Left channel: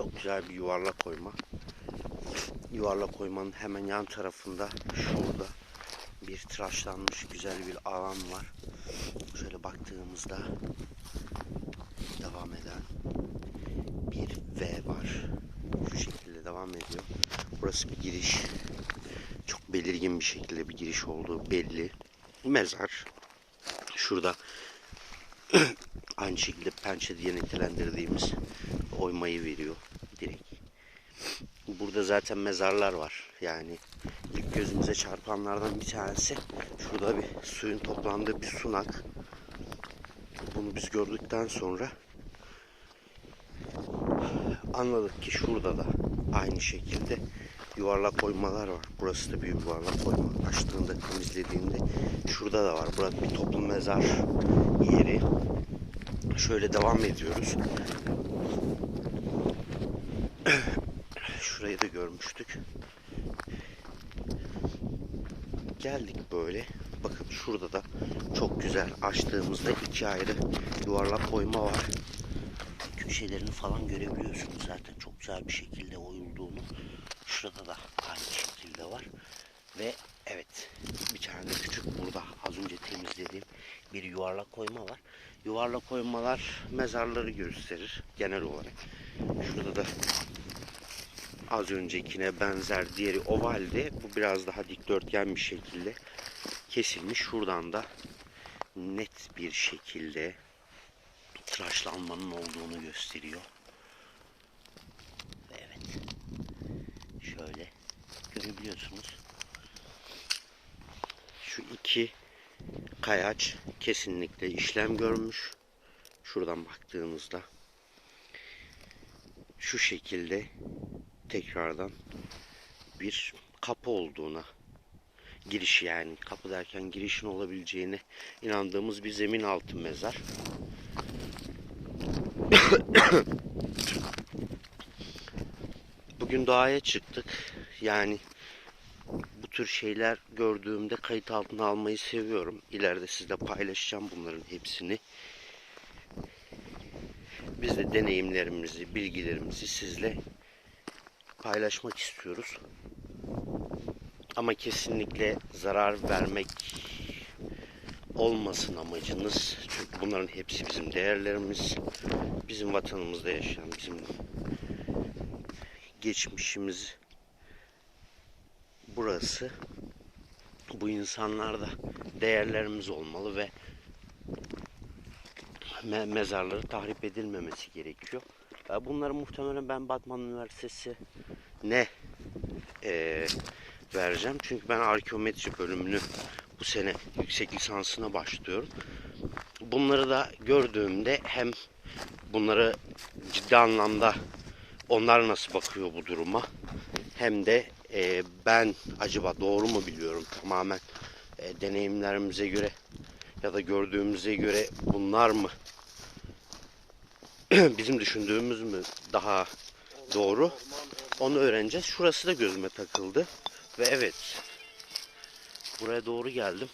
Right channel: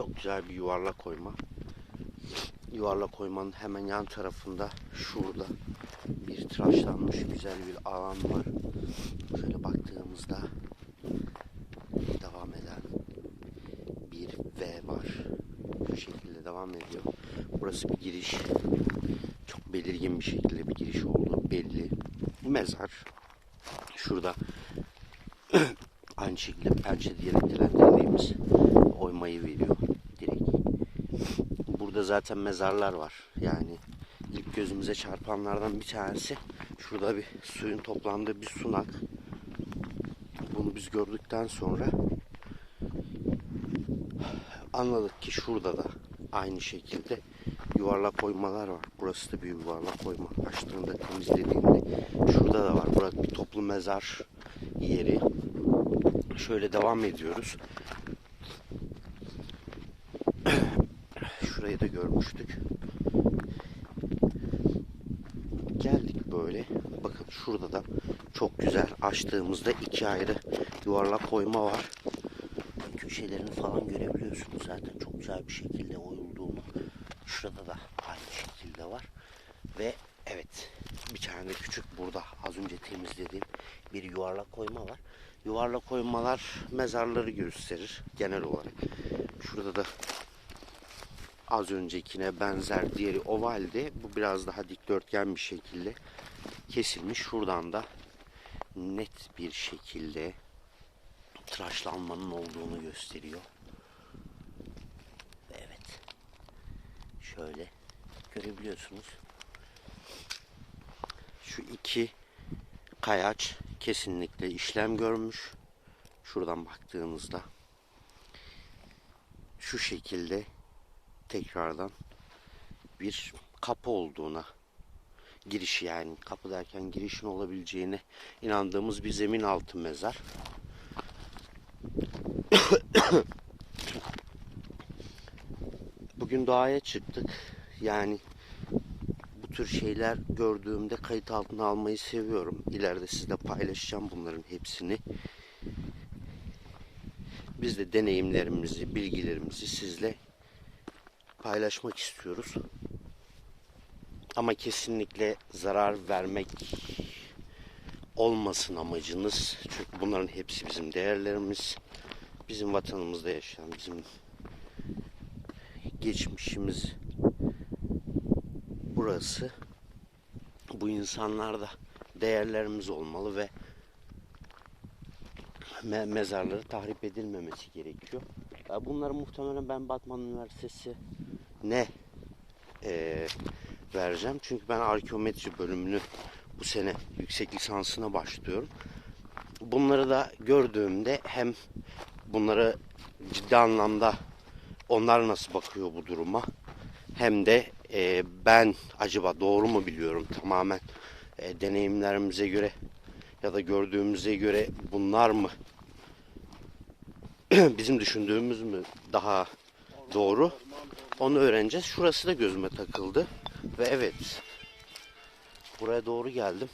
Çok güzel bir yuvarlak oyma. Yuvarlak oymanın hemen yan tarafında şurada bir tıraşlanmış güzel bir alan var. Şöyle baktığımızda devam eden bir V var. Şu şekilde devam ediyor. Burası bir giriş. Çok belirgin bir şekilde bir giriş olduğu belli. Mezar. Şurada aynı şekilde pençe diye nitelendirdiğimiz oymayı veriyor. Burada zaten mezarlar var. Yani ilk gözümüze çarpanlardan bir tanesi şurada bir suyun toplandığı bir sunak. Bunu biz gördükten sonra anladık ki şurada da aynı şekilde yuvarlak oymalar var. Burası da bir yuvarlak oyma. Açtığında temizlediğinde şurada da var. Burası bir toplu mezar yeri. Şöyle devam ediyoruz. Şurayı da görmüştük. Geldik böyle. Bakın şurada da çok güzel açtığımızda iki ayrı yuvarlak oyma var. Köşelerini falan görebiliyorsunuz zaten çok güzel bir şekilde oyulduğunu. Şurada da aynı şekilde var. Ve evet bir tane de küçük burada az önce temizlediğim bir yuvarlak koyma var. Yuvarlak koymalar mezarları gösterir genel olarak. Şurada da az öncekine benzer diğeri ovalde. Bu biraz daha dikdörtgen bir şekilde kesilmiş. Şuradan da net bir şekilde tıraşlanmanın olduğunu gösteriyor. Evet. Şöyle görebiliyorsunuz. Şu iki kayaç kesinlikle işlem görmüş. Şuradan baktığımızda şu şekilde tekrardan bir kapı olduğuna giriş yani kapı derken girişin olabileceğine inandığımız bir zemin altı mezar. Bugün doğaya çıktık. Yani bu tür şeyler gördüğümde kayıt altına almayı seviyorum. İleride sizle paylaşacağım bunların hepsini. Biz de deneyimlerimizi, bilgilerimizi sizle paylaşmak istiyoruz. Ama kesinlikle zarar vermek olmasın amacınız. Çünkü bunların hepsi bizim değerlerimiz. Bizim vatanımızda yaşayan, bizim geçmişimiz burası. Bu insanlar da değerlerimiz olmalı ve me- mezarları tahrip edilmemesi gerekiyor. Bunları muhtemelen ben Batman Üniversitesi ne eee, vereceğim. Çünkü ben arkeometri bölümünü bu sene yüksek lisansına başlıyorum. Bunları da gördüğümde hem bunları ciddi anlamda onlar nasıl bakıyor bu duruma hem de eee, ben acaba doğru mu biliyorum tamamen eee, deneyimlerimize göre ya da gördüğümüze göre bunlar mı bizim düşündüğümüz mü daha doğru onu öğreneceğiz. Şurası da gözüme takıldı ve evet buraya doğru geldim.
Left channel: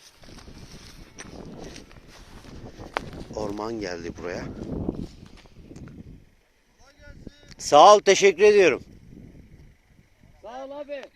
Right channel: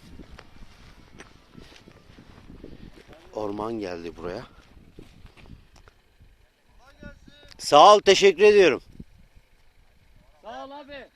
Orman geldi buraya. Sağ ol, teşekkür ediyorum.